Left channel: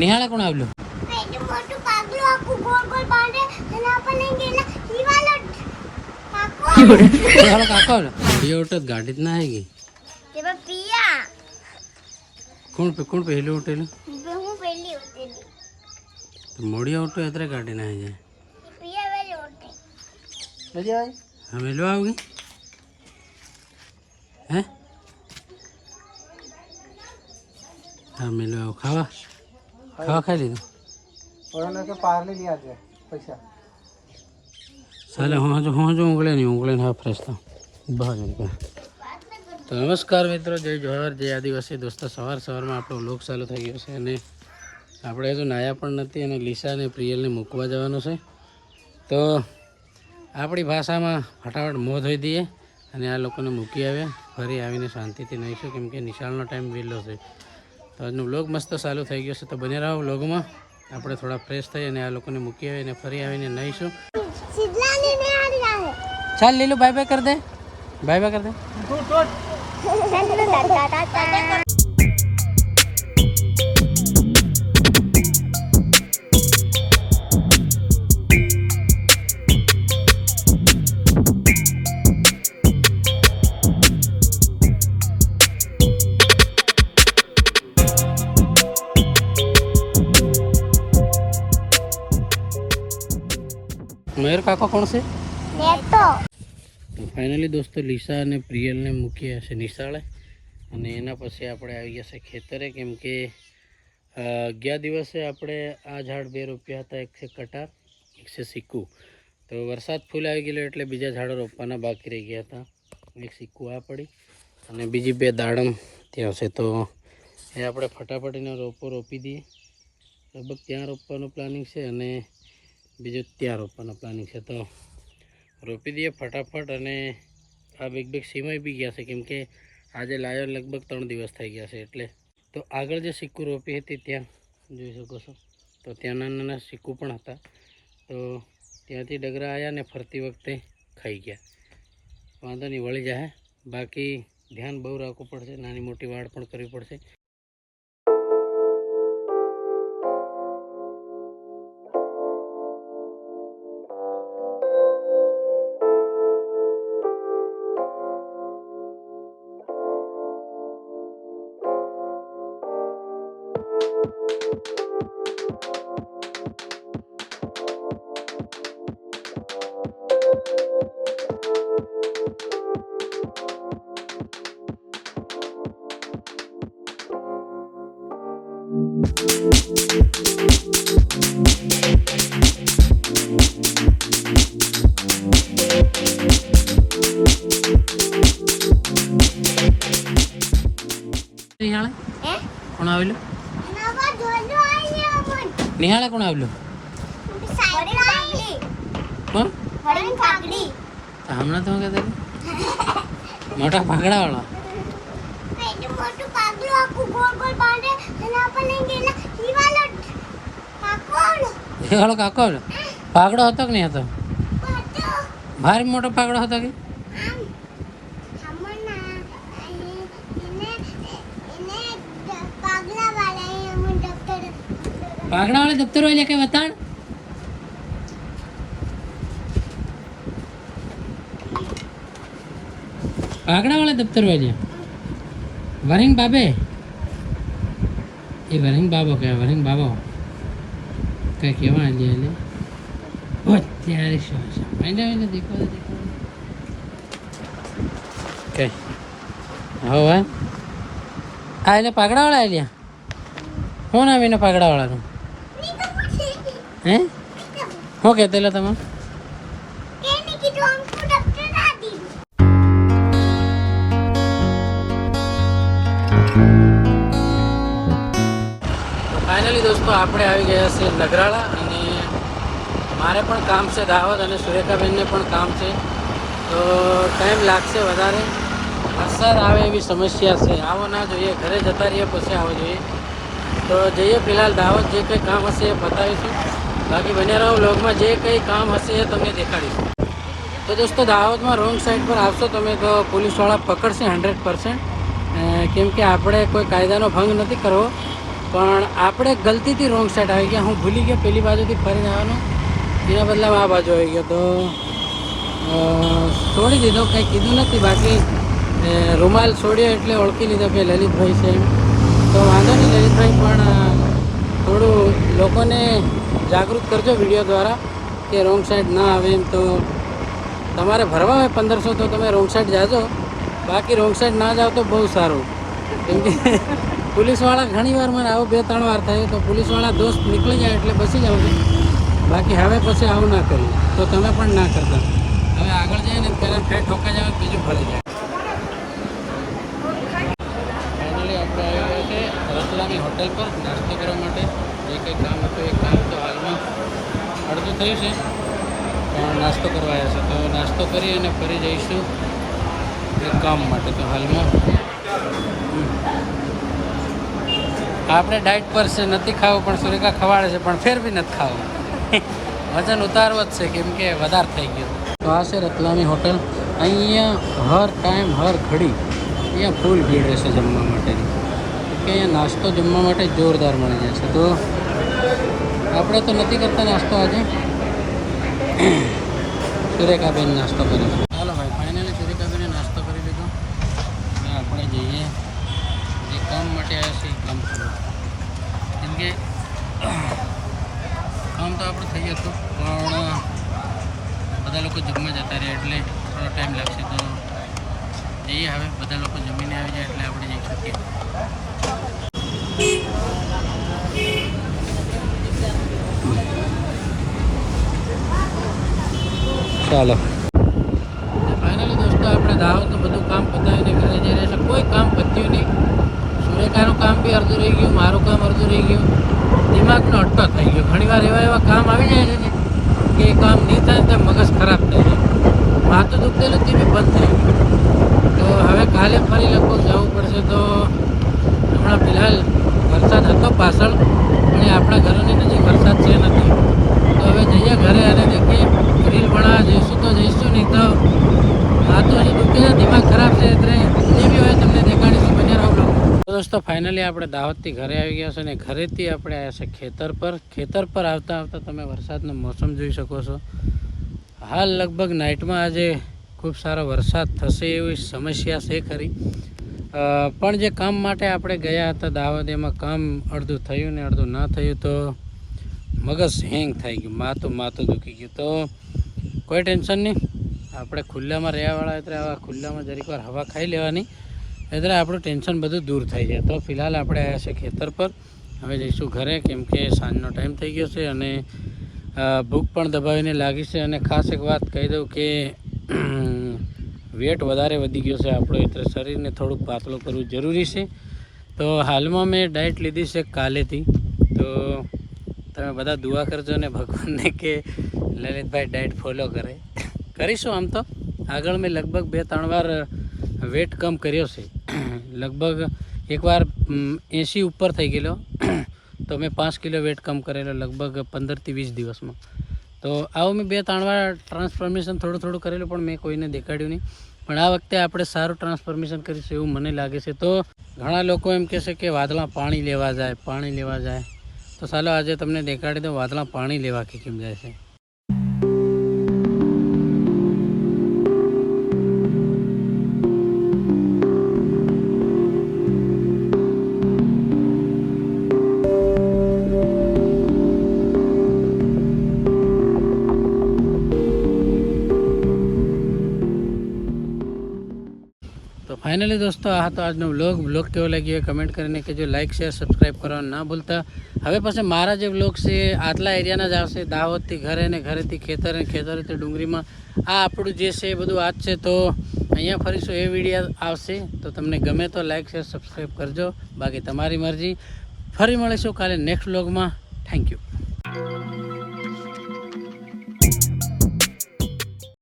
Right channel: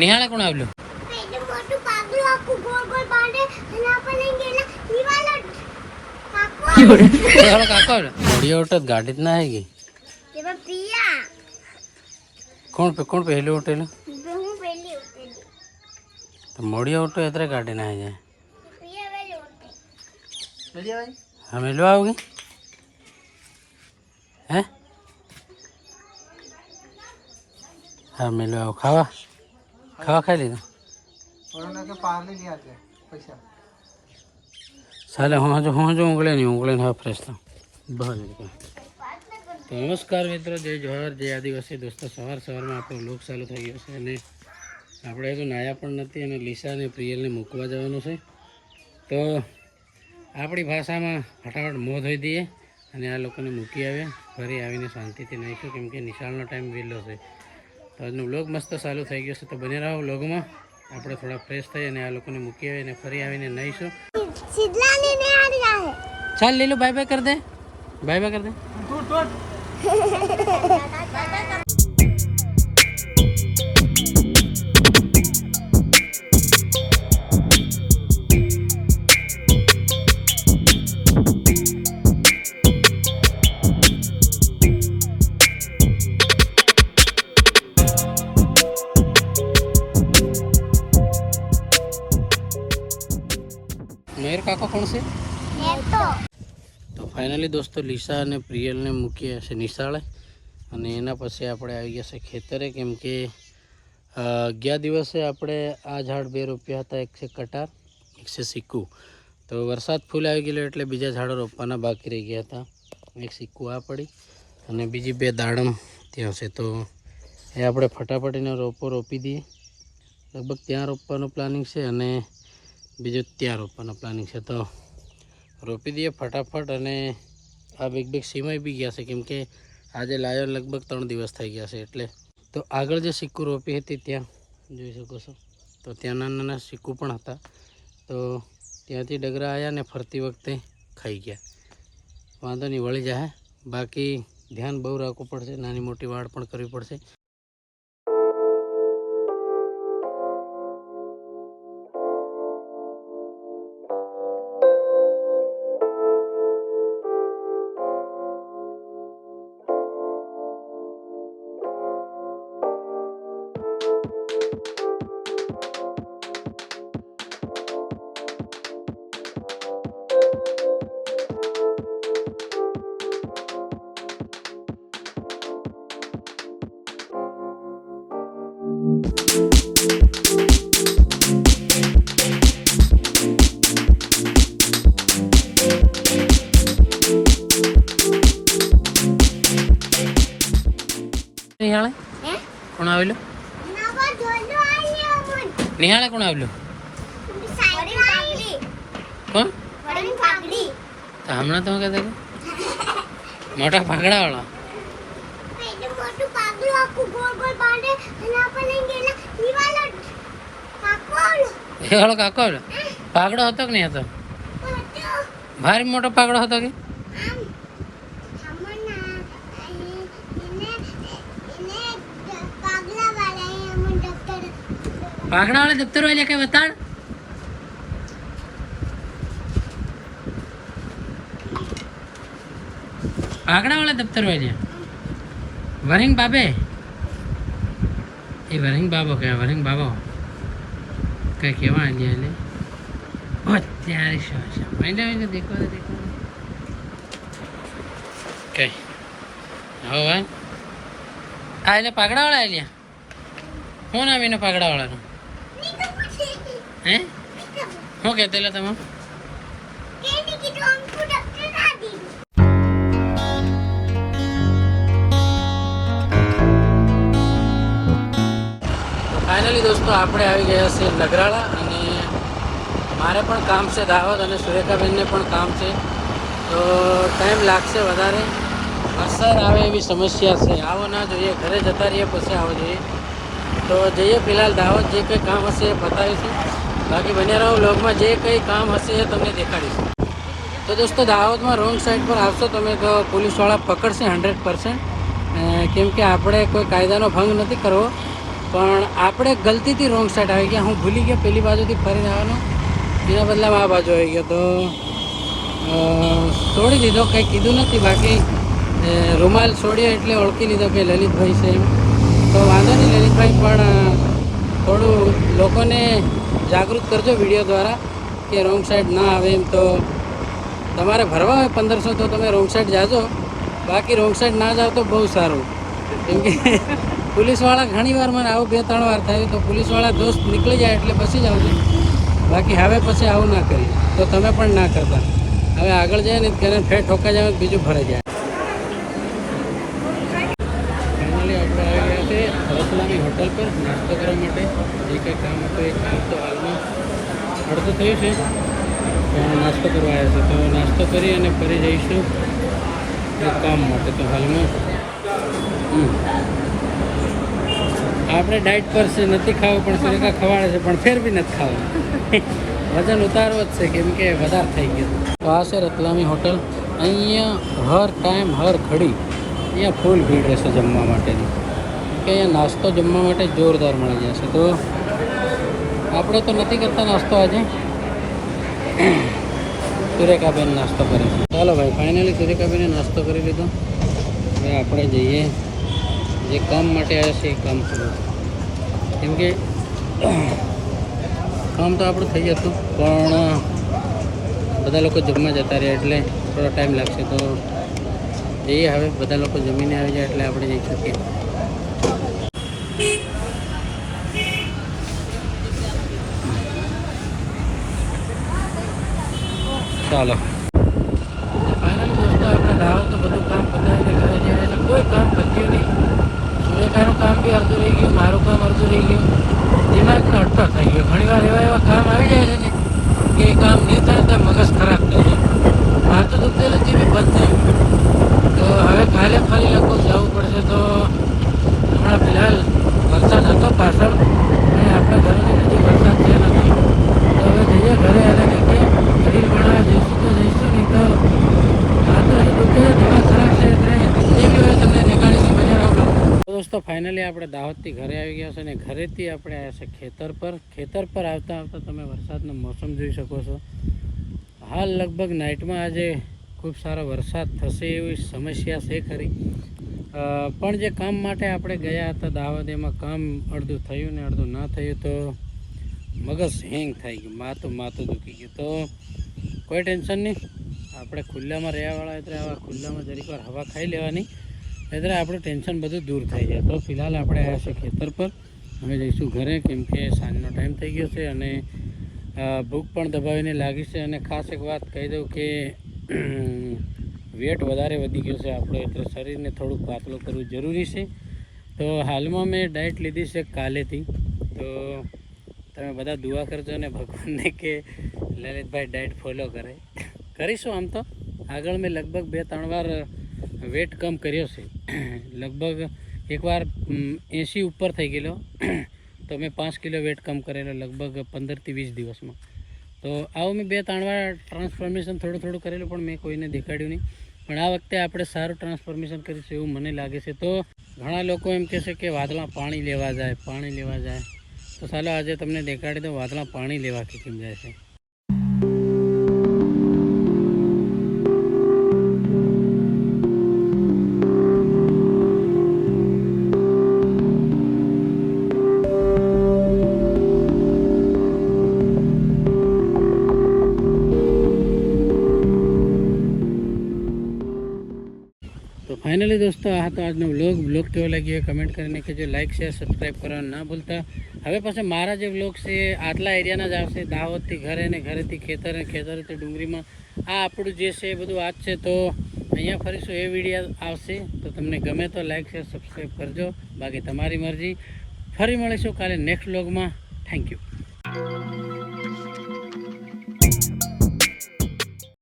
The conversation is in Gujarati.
નિહાળે કોણ આવ્યું? કાકો આવ્યો ગાડી જ ના આવી ગઈ. કોણ પહેલી ઉઠેલું? મોડી ઉઠો એટલે ગાડી ના આવી જાય. હા મેલવા આવ ગઈ હે? હા મેલવા આવ. ખાવા ખાઈ લીધું? ચાલે હું જો ઊંઘળે નહીં હા ફ્રેશ થાવ બહાર નીકળે. તો નમસ્કાર મિત્રો, જય જોહાર, જય આદિવાસી દોસ્તો. સવારમાં આપણો વ્લોગ ચાલુ થઈ ગયો છે અને આપણે હજુ નાયા પણ નથી અને લીસા અને પ્રિયલને મૂકવા જવાનું છે. તો આપણી ભાષામાં ફટાફટ મોં ધોઈ દઈએ અને આ લોકોને મૂકી આવ્યા. ફરી આવીને શાંતિથી નહીશું કેમ કે નિશાળનો ટાઈમ વહેલો છે. તો આજનો વ્લોગ મસ્ત ચાલુ થઈ ગયો છે. તો બને રહો વ્લોગમાં. આપણે થોડા ફ્રેશ થઈ અને આ લોકોને મૂકી આવીએ અને ફરી આવીને નહીશું. ચાલ લીલું બાય બાય કર દે. બાય બાય કર દે. મયુર કાકો કોણ છે? તો ફાઇનલી દોસ્તો લીસા અને પ્રિયલને મૂક્યા છે નિશાળે અને એના પછી આપણે આવી ગયા છે ખેતરે કેમ કે ગયા દિવસે આપણે આ ઝાડ 2 રોપ્યા હતા. એક છે કટાર, એક છે સિક્કુ. તો વરસાદ ફૂલ આવી ગયેલો એટલે બીજા ઝાડો રોપવાના બાકી રહી ગયા હતા. એક સિક્કુ આ પડી અને બીજી 2 દાડમ ત્યાં છે. તો એ આપણે ફટાફટીનો રોપી દઈએ. લગભગ ત્યાં રોપવાનું પ્લાનિંગ છે અને બીજું ત્યાં રોપવાનું પ્લાનિંગ છે. તો રોપી દઈએ ફટાફટ. અને આ બે સીમાઈ બી ગયા છે કેમ કે આજે લાયો લગભગ 3 દિવસ થઈ ગયા છે એટલે. તો આગળ જે સિક્કુ રોપી હતી ત્યાં જોઈ શકો છો. તો ત્યાં નાના સિક્કુ પણ હતા. તો ત્યાંથી ડગરા આવ્યા ને ફરતી વખતે ખાઈ ગયા. વાંધો નહીં, વળી જાય. બાકી ધ્યાન બહુ રાખવું પડશે, નાની મોટી વાડ પણ કરવી પડશે. નિહાળે કોણ આવેલું? નિહાળે કોણ આવેલું? કોણ? હમણાં તમે કહેતા મોટા પાઘડા વાળા. એ વાળો કાકો આવ્યો. પાઘડો હતો કે નહીં હતો? ભારે મોટો પાઘડો હતો કે? પાઘડા વાળા દફતર વાળા કઈ બતાડ. પાઘડા વાળા દફતર વાળા વરિંગ બાબે એ વરિંગ બાબો કહેવાય. વરિંગ બાબો કઈ કહેવાય લે અત્યારે શું દેખો કઈ હવે આ એટલે પાઘડા વાળા આવ્યા. શું નામ એનો પાઘડા વાળાનું? હે શું કહેતેલા તમે? ફાઇનલી દોસ્તો આપણે આવી ગયા છે નગરાળા અને મારે પણ કામ છે દાવત અને સુરેખાબેનને પણ કામ છે. તો ટાઈમ લાગશે વધારે. વરસાદ આવે એવી સમસ્યા છે. આવો ના જોઈએ, ઘરે જતા રહીએ પછી આવો જોઈએ. તો જઈએ ફિલહાલ દાવત. જે કંઈ કામ હશે એ બતાવીશું. બાકી બને રહો વ્લોગમાં. જે કંઈ કામ હશે એ તમને દેખાડીશું. તો દોસ્તો દાવતમાં રોંગ સાઈડ પર આવશો તમે તો પોલીસવાળા પકડશે 100%. કેમ કે આપણે કોઈ કાયદાનો ભંગ નથી કરવો. પણ આપણે ગલતીથી રોંગ સાઈડ આવી ગયા. હું ભૂલી ગયો પેલી બાજુથી ફરીને આવવાનો, એના બદલામાં આ બાજુ આવી ગયો. તો છોડી દીધો, કંઈ કીધું નથી. બાકી રૂમાલ છોડ્યો એટલે ઓળખી લીધો કે લલિતભાઈ છે. તો વાંધો નહીં લલિતભાઈ, પણ થોડું લોકોને જાગૃત કરજો વિડીયો દ્વારા કે રોંગ સાઈડ ના આવે એમ. તો તમારે ભરવા હોય 1500 તો તમે રોંગ સાઈડ જાજો, બાકી રોંગ સાઈડ ના જાઓ તો બહુ સારું. કેમ કે પોલીસવાળા ઘણી વાર મને આવું 2-3 વાર થાય તો પોલીસવાળા દોસ્ત નીકળી જાય એટલે બસી જ આવશે. બાકી હવે પછી આવું ના કર્યું તો તમે પણ ના કરતા. હવે આગળ જાય ને તેને ફેર ઠોકા જાય બીજું ભરાઈ જાય. ફાઇનલી આપણે આવી ગયા છે રતલામી હોટલ પર નાસ્તો કરવા માટે. જે કંઈ કામ હતું એ કામ તો હાલમાં અડધું થયું છે, તો નાસ્તો કરવા આવ્યા છે. તો નાસ્તો કરી અને ફરી જઈશું કામ માટે. તો હાલમાં આપણે ડાયટ પર છે, નથી ખાવું પણ સુરેખા ખવાડે છે, પણ ફેર બી નથી ખાવું. વજન ઉતારવો જ છે કેમ કે વધારે થઈ ગયો. તો આ છે રતલામી હોટલ. અહીંયા હર ટાઈમ હર ઘડી અહીંયા ફૂલ ભીડ રહેશે જમવા માટેની, કે અહીંયા નાસ્તો જમવા માટે જોરદાર મળી જશે. તો આપણે તો નથી કરતા નાસ્તો આજે, સુરેખાબેન નાસ્તો કરે. ચાલો ભાઈ, ફાઇનલી સુરેખાબેને નાસ્તો કરી લીધો. હવે આપણે જઈએ જે કામ માટે આવ્યા છે એ કામ પૂરું. કેમ કે કામ તો આપણું થઈ જતું, પણ બધા લોકો જમવા જતા રહ્યા એટલે થોડો ટાઈમ લાગશે. તો જઈએ હવે, બધા લોકો જમીને આવી જાય એટલે આપણે જઈ શકીએ. ચાલો ફાઇનલી દોસ્તો, આપણે દાવત તો બધું કામ પતાવીને ઘરે જઈને એટલે કોઈ કામ પત્યું નહીં. સુરેખાનું કામ બી અડધું રહી ગયું, મારું કામ અડધું રહી ગયું. દિમાગનો અટકો થઈ ગયો. ઘણીવાર એવા કામ આવી જાય છે ને કે એ કામ નહીં થાય તો મગજ ખરાબ થઈ જાય. માથું દુખતેલું તે બી બંધ થઈ ગયું. તો હવે કાલે ફરી લગભગ જવું પડશે. તો હમણાં ફિલહાલ વરસાદ હતો પાછળ, અને આપણા ઘરોની નજીક વરસાદ છે નથી. તો હવે જઈએ ઘરે અને દેખીએ રીલ બનાવવા જઈશું તો જઈશું, નહીં તો માથું હજી દુખે છે, દિમાગ ખરાબ છે. તમને દેખાડીશું. બને રહો. દોસ્તો ફાઇનલી આપણે દાવતથી ઘરે આવી ગયા છે અને ઘરેથી આપણે આવ્યા છે ખેતર પર. ખેતર પર આવતા આવતા તમે વરસાદનો મોસમ જોઈ શકો છો. હાલ લગભગ નાઇટમાં આજે ખૂબ સારો વરસાદ થશે એવી સમસ્યા છે ખરી. પણ જે કામ માટે આપણે ગયા હતા દાવત, એમાં કામ અડધું થયું ને અડધું ના થયું. તો મગજ હેંગ થઈ ગયું, માથું દુખી ગયું. તો કોઈ ટેન્શન નહીં, આપણે ખુલ્લામાં રહેવાવાળા એટલે આવા ખુલ્લામાં જરીક વાર હવા ખાઈ લેવાની, એટલે આપણું ટેન્શન બધું દૂર થઈ જાય. તો ફિલહાલ આપણે આવ્યા છે ખેતર પર. હવે જઈશું ઘરે, કેમ કે સાંજનો ટાઈમ થઈ ગયો છે અને ભૂખ પણ દબાવીને લાગી છે. અને ખાસ એક વાત કહી દઉં કે વેટ વધારે વધી ગયો છે આપણો, એટલે શરીરને થોડુંક પાતળું કરવું જરૂરી છે. તો હાલમાં મેં ડાયટ લીધી છે કાલેથી. તો તમે બધા દુઆ કરજો ને ભગવાનને કે લલિતભાઈ ડાયટ ફોલો કરે. કરીશું આમ તો. આગળ મેં લગભગ 2-3 વાર વેટ કમ કર્યો છે. લગભગ એકવાર 80 ઉપર થઈ ગયેલો, તો મેં 5 કિલો વેટ કમ કરેલો લગભગ 15 થી 20 દિવસમાં. તો આવું મેં 2-3 વાર ટ્રાન્સફોર્મેશન થોડું કરેલું, પણ મેં કોઈને દેખાડ્યું નહીં. પણ આ વખતે આપણે સારું ટ્રાન્સફોર્મેશન કરીશું એવું મને લાગે છે. તો ઘણા લોકો એમ કહેશે કે વાદળા પાણી લેવા જાય. તો ચાલો આજે તમને દેખાડી દો વાદળા પાણી લેવા કેમ જાય છે. ફાઇનલી દોસ્તો, આ તો આજનો વ્લોગ કેવો લાગ્યો કમેન્ટ કરીને કહેજો. લાઇક શેર સબસ્ક્રાઈબ કરવાનું ના ભૂલતા. હવે પછી મારા જે વ્લોગ છે આટલા એરિયાના જ આવશે, દાહોદથી ઘરે ને ઘરેથી ખેતર ને ખેતરેથી ડુંગળીમાં. આ આપણું જે છે એ બધું આજ છે. તો અહીંયા ફરીશું એ વિડીયો આવશે. તો તમને ગમે તો લાઇક શેર સબસ્ક્રાઈબ કરજો, બાકી તમારી મરજી. ફરી મળીશું કાલે નેક્સ્ટ વ્લોગમાં. Thank you.